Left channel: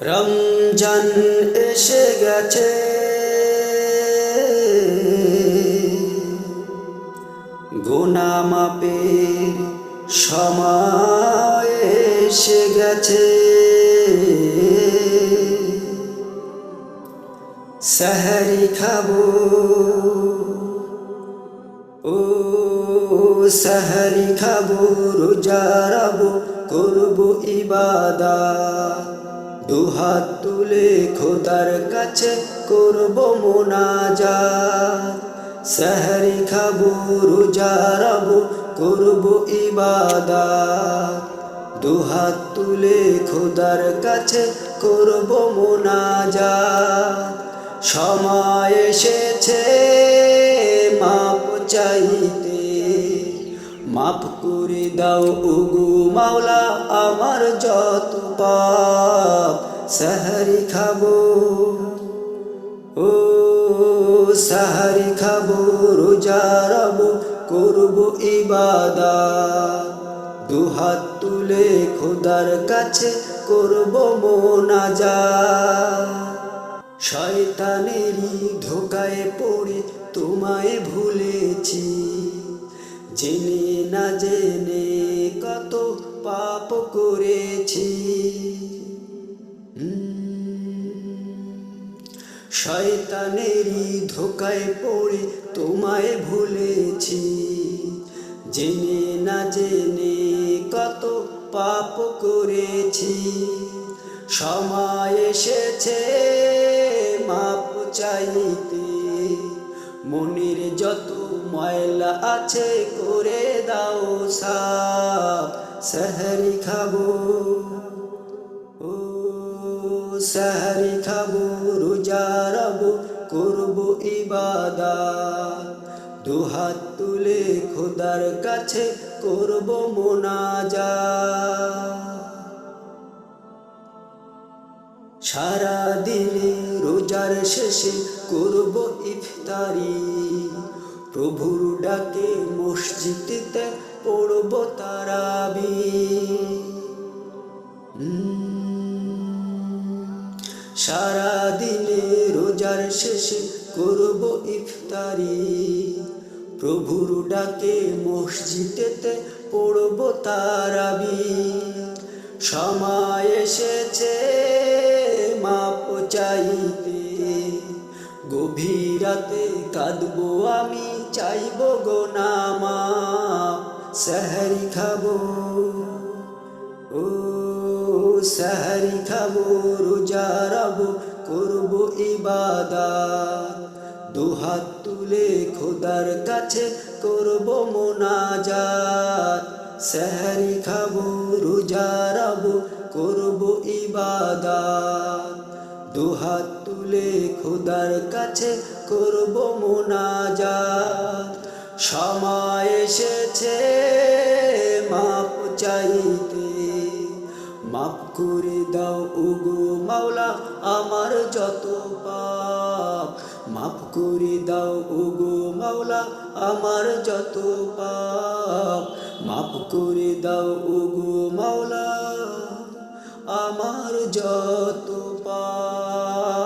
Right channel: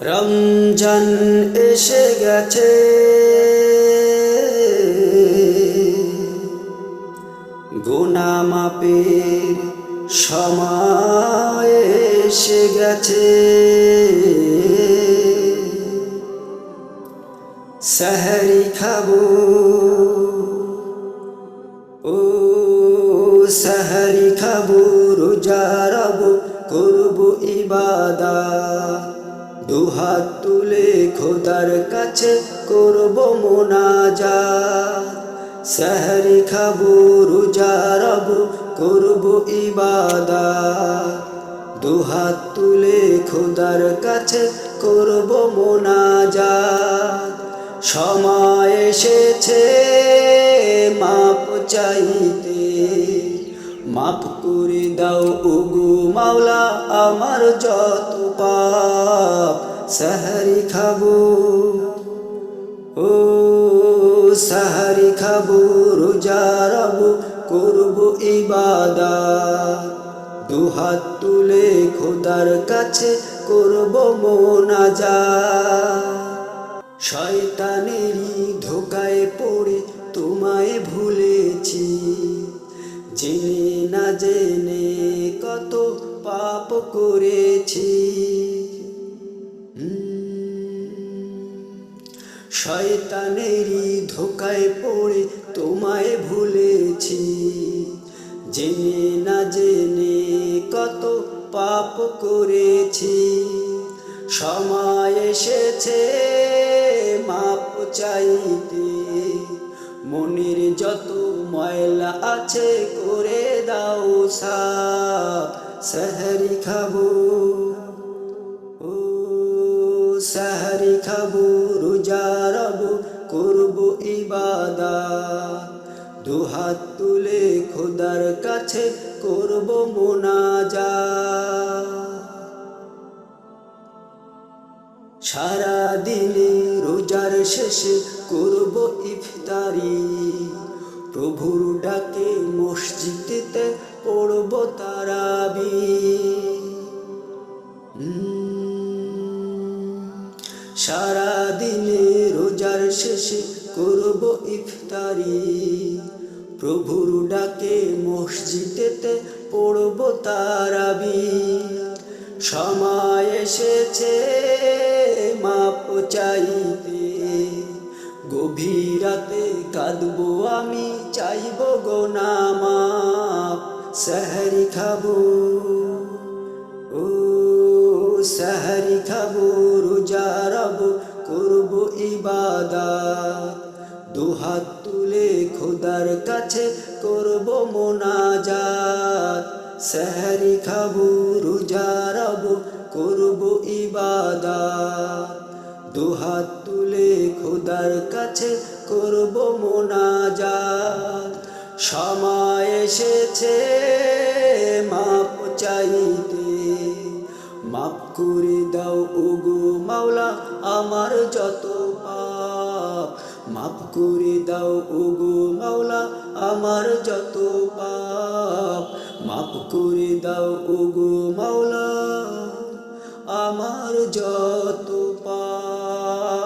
রমজান এসে গেছে, গুনাহ মাপের সময় এসে গেছে। সেহরি খাবো, ও সেহরি খাবো, রোজা রাখবো, করবো ইবাদত। দুহাত তুলে খোদার কাছে করবো মোনাজাত। সেহরি খাবো, রোজা রাখবো, করবো ইবাদত। দুহাত তুলে খোদার কাছে করবো মোনাজাত। সময় এসেছে মাপ চাইতে, মাফ করে দাও ওগো মাওলা আমার যত পাপ। সেহরি খাবো, ও সেহরি খাবো, রোজা রাখবো, করবো ইবাদত। দুহাত তুলে খোদার কাছে করবো মোনাজাত। শয়তানেরই ধোকায় পড়ে তোমায় ভুলেছি, জেনে না জেনে কত পাপ করেছি। শয়তানেরই ধোকায় পড়ে তোমায় ভুলেছি, জেনে না জেনে কত পাপ করেছি। সময় এসেছে মাপ চাইতে, মনের যত ময়লা আছে করে দাও সাফ। সেহরি খাবো, ও সেহরি খাবো, রোজা রাখবো, করবো ইবাদত। দুহাত তুলে খোদার কাছে করবো মোনাজাত। সারা দিনে রোজার শেষে করব ইফতারি, প্রভুর ডাকে মসজিদেতে পড়ব তারাবি। সারা দিনে রোজার শেষে করব ইফতারি, প্রভুর ডাকে মসজিদেতে পড়ব তারাবি। সময় এসেছে মাপ চাইতে, গভীর রাতে কাঁদবো আমি, চাইবো গোনা মাপ। সেহরি খাবো, ও সেহরি খাবো, রোজা রাখবো, করবো ইবাদত। দুহাত তুলে খোদার কাছে করবো মোনাজাত। সেহরি খাবো, রোজা রাখবো, করবো ইবাদত। দুহাত তুলে খোদার কাছে করবো মোনাজাত। সময় এসেছে মাপ চাইতে, মাফ করে দাও ওগো মাওলা আমার যত পাপ। মাফ করে দাও ওগো মাওলা আমার যত পাপ। মাফ করে দাও ওগো মাওলা আমার যত পাপ।